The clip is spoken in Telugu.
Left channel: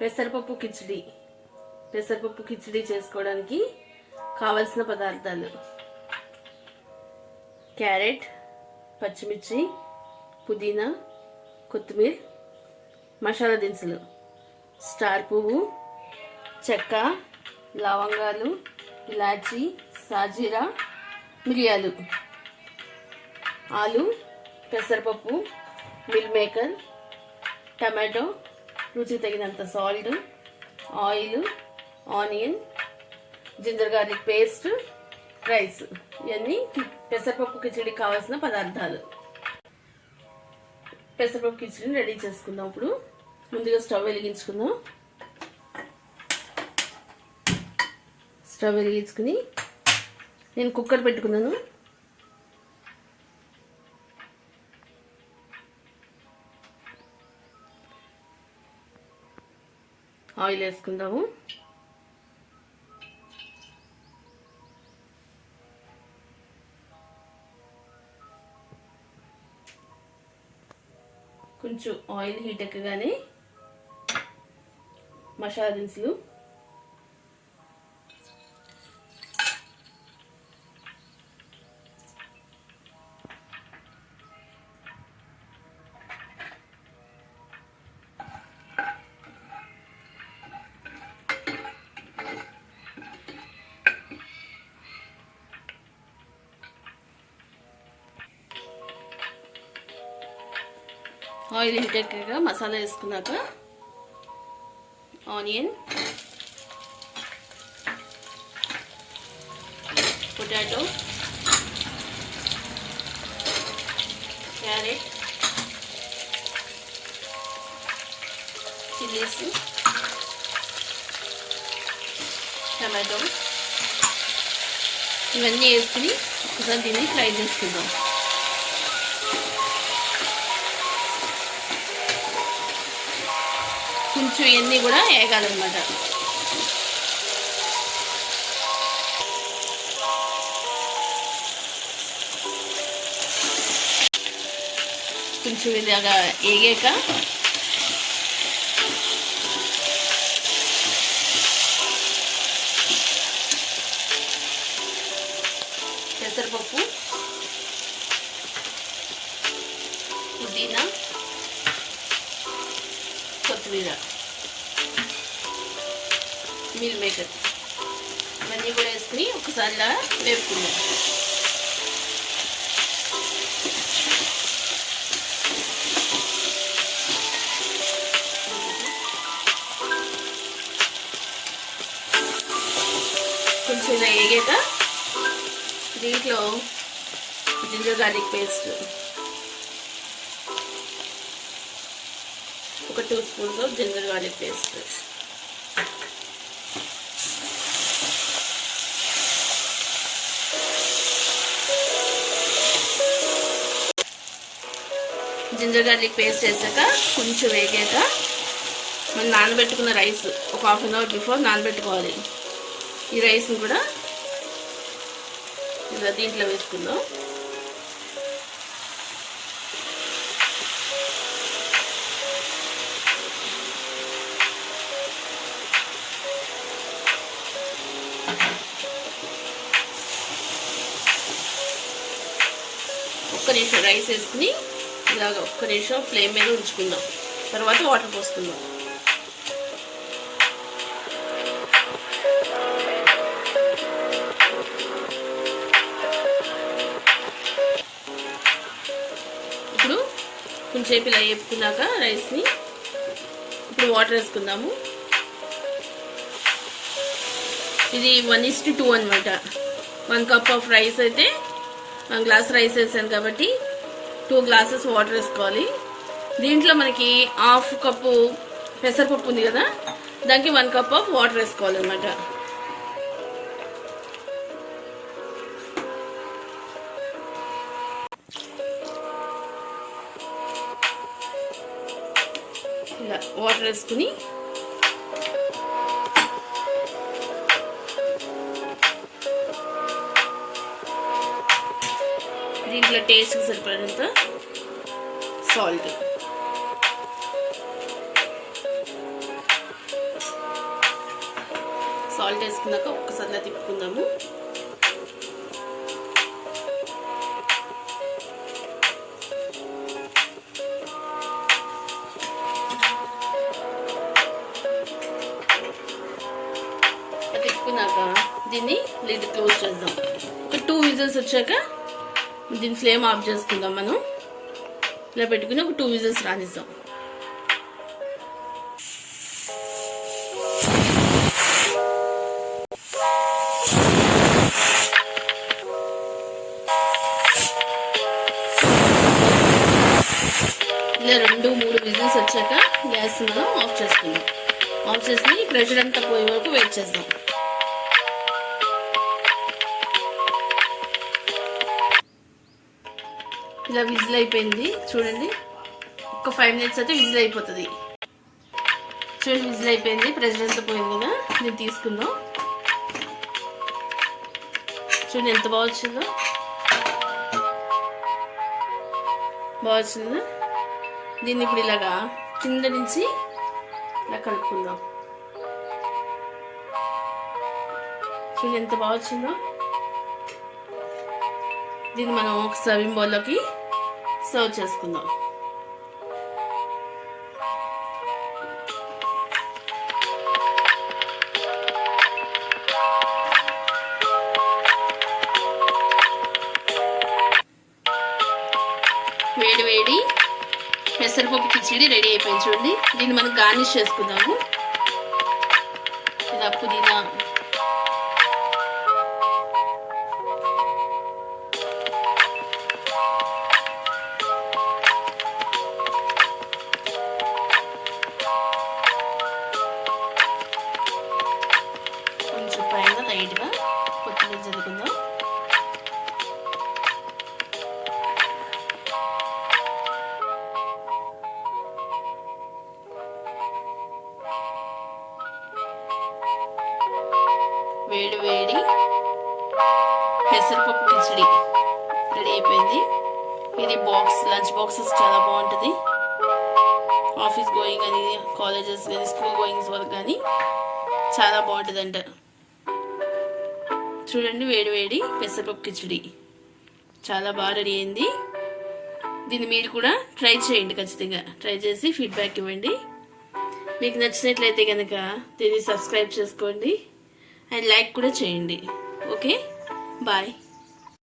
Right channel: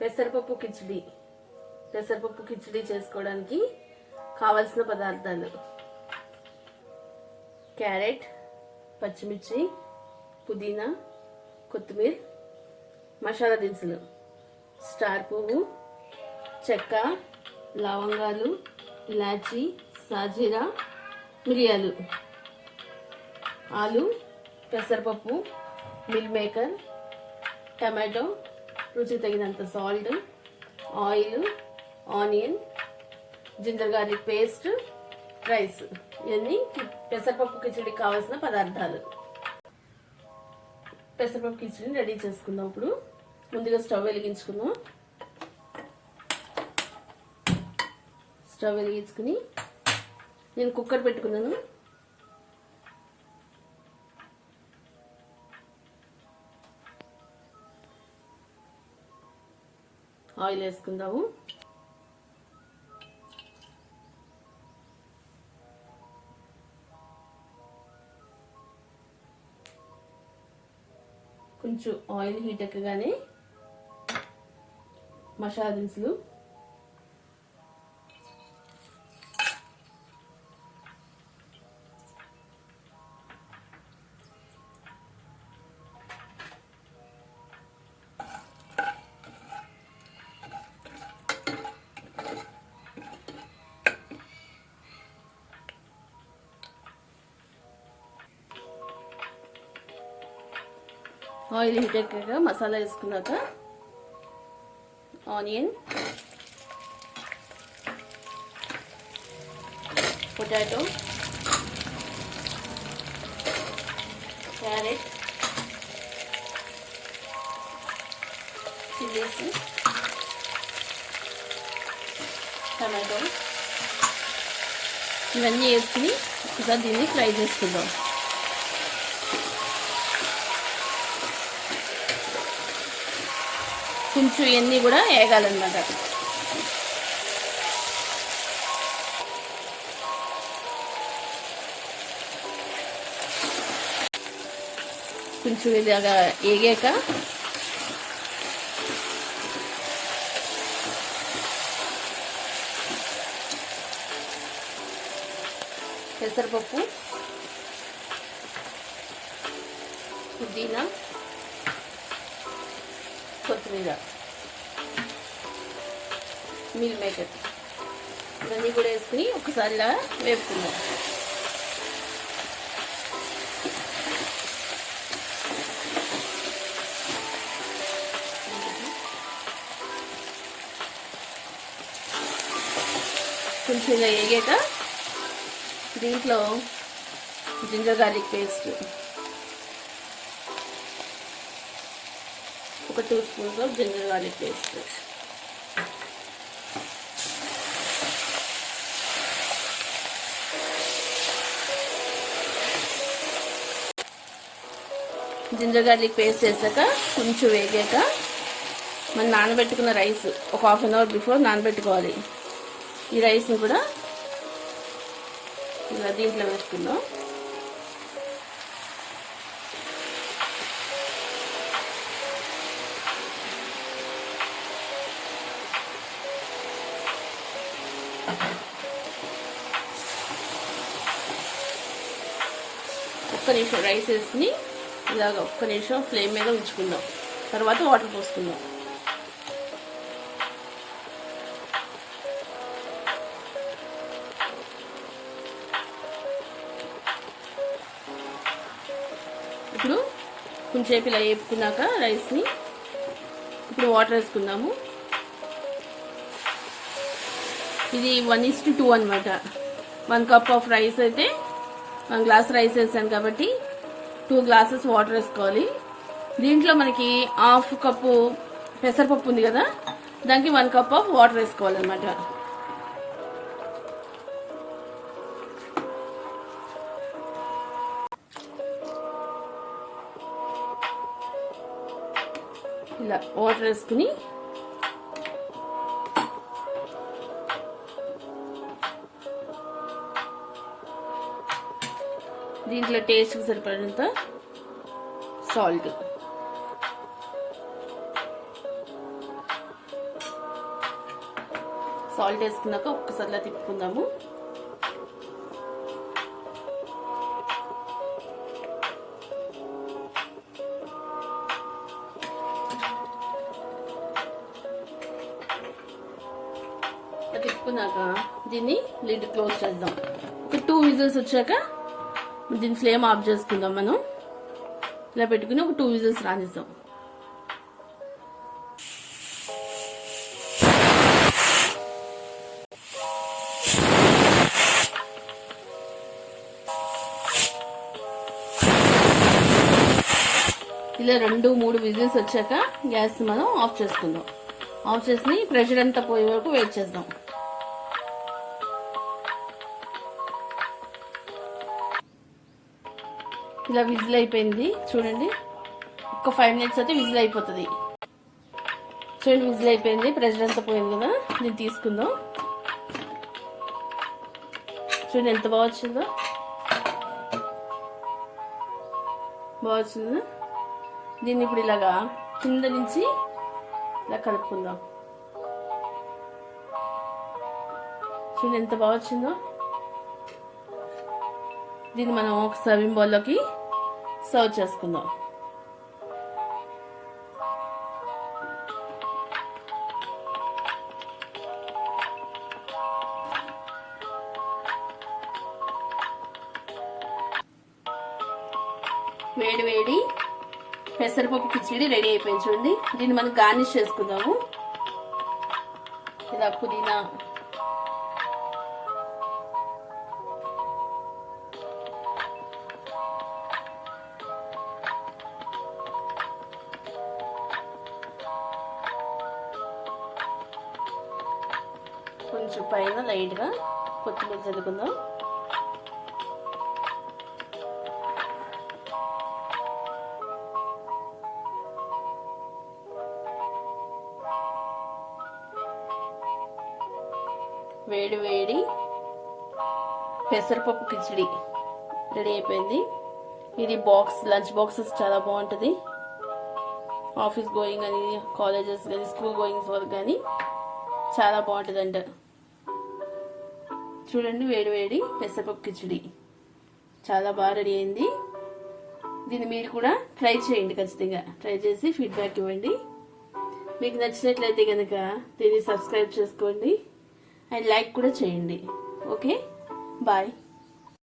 పెసరపప్పు కిచిడి. పెసరపప్పు కిచిడి చేసుకోవడానికి కావలసిన పదార్థాలు: క్యారెట్, పచ్చిమిర్చి, పుదీనా, కొత్తిమీర, మసాలా దినుసులు, స్టార్ పువ్వు, చెక్క, లవంగాలు, ఇలాచి, సాజీరా, మిరియాలు, ఆలు, పెసరపప్పు, మిల్ మేకర్, టమాటో, రుచికి తగినంత salt, oil, onion, ginger garlic paste, rice. ఇవన్నీ పెసరపప్పు కిచడి కావాల్సిన పదార్థాలు. పెసరపప్పు కిచడిని రెడీ చేసుకుందాం. ఇప్పుడు ముందుగా స్టవ్ వెలిగించుకుందాం. స్టవ్ వెలిగించుకుని నేను కుక్కర్ పెట్టుకున్నాను. ఆయిల్ వేసుకుందాము. కొంచెం ఆయిల్ హీట్ ఎక్కగానే మసాలా దినుసులు, ఆయిల్ హీట్ ఎక్కాక మసాలా వేసుకున్నాక onion, potato, carrot, chillies, tomato ఇవన్నీ వేసుకుని ఒకసారి దీన్ని ఫ్రై చేసుకుందాం. కొంచెం ఇవన్నీ కూడా వేగాలన్నమాట. కొంచెం ఇలాగా వేగాక పెసరపప్పు, పుదీనా, కొత్తిమీర, మిల్ మేకర్ ఇవన్నీ కూడా వేసుకుని ఒకసారి ఇలా వేపుకుందాం. కొంచెం ఇలా వేగాక దీంట్లో జింజర్ గార్లిక్ పేస్ట్, ఒక 2 spoons of ginger garlic paste, ginger garlic paste వేసాక కొంచెం వేగాక మనం నానబెట్టుకున్న రైస్ ఒక 1/2 అవర్ బిఫోర్ నానబెట్టుకోవాలి. ఈ రైస్ని కూడా ఇలా దీంట్లో వేసుకుందాం. ఒక్క నిమిషం రైస్ వేసుకుని ఇలాగ ఒక్క నిమిషం ఫ్లేమ్ మీద ఉంచుకుందాం. తర్వాత వాటర్ పోసుకుందాం. ఇప్పుడు కొంచెంసేపు ఇలా వేపుకున్నాక రైస్ని ఇప్పుడు వాటర్ వేసుకుందాము. ఇది 1:2 అనమాట. 1 కప్ ఆఫ్ రైస్ అయితే 1 గ్లాస్ రైస్ వేసాను కాబట్టి 2 గ్లాసెస్ వాటర్ వేసుకోవాలి. దీంట్లో మనకి 1/2 కప్పు పెసరపప్పు ఉంది కదా, దానికి 1 కప్ ఆఫ్ వాటర్ వేసుకోవాలన్నమాట. ఇలా వాటర్ వేసుకుని దీంట్లో టేస్ట్కి సరిపడినంత సాల్ట్, సాల్ట్ వేసుకున్నాక ఒక్కసారి తిప్పుకుందాము. తిప్పుకున్నాక దీన్ని లిడ్ క్లోజ్ చేద్దాం. ఒక 2 విజిల్స్ వచ్చాక దీని ఫ్లేమ్ ఆఫ్ చేసుకుందాం. మనం ఇలా పెట్టుకుని ఒక 2 విజిల్స్ రానిస్తాం. ఇలా 2-3 విజిల్స్ వచ్చాక గ్యాస్ మనం ఆఫ్ చేసుకుందాం. ఆఫ్ చేసి ప్రెషర్ అంతా పోయే వరకు వెయిట్ చేద్దాం. ఇలా విజిల్ అయిపోయింది చూడండి. ఒక 5 మినిట్స్ అయితే విజిల్ అయిపోతుంది. చూడండి విజిల్ అయిపోయింది, ప్రెషర్ అంతా పోయింది కదా. దీన్ని తీసుకుందాం. చూడండి ఎంత బాగా వచ్చిందో. బాగా వచ్చిందా? దీన్ని ఇప్పుడు ఇలాగా కింద నుంచి ఇలా కలుపుకుందాం. చూడండి ఎంత బాగా వచ్చిందో. దీన్ని మనం ఒక సర్వింగ్ బౌల్లోకి సర్వ్ చేసుకుందాం. వేడి వేడి పెసరపప్పు కిచిడి రెడీ అయిపోయింది చూడండి. దీన్ని మనం గార్నిష్ చేసుకుందాము. ఇలా పుదీనా, కొంచెం పైన లైట్గా కొత్తిమీర చదువుకుందాం. వేడి వేడి పెసరపప్పు కిచిడి రెడీ అయిపోయింది. ఇది లంచ్ బాక్సెస్ చాలా బాగుంటుంది. ఆఫీస్ గోయింగ్ కానీ, కాలేజెస్ కానీ, స్కూల్ గోయింగ్స్ వరకు కానీ చాలా బాగుంటుంది అంట. చూడండి వేడి వేడి పెసరపప్పు కిచిడి చాలా బాగా రెడీ అయింది. దీన్ని మీరు కూడా ట్రై చేయండి. ఖచ్చితంగా ట్రై చేసి ఫీడ్బ్యాక్ ఇవ్వండి. మీకు నచ్చినట్లయితే కనుక దీన్ని సబ్స్క్రైబ్ చేసుకోండి అండ్ లైక్ కూడా చేయండి. Okay, bye.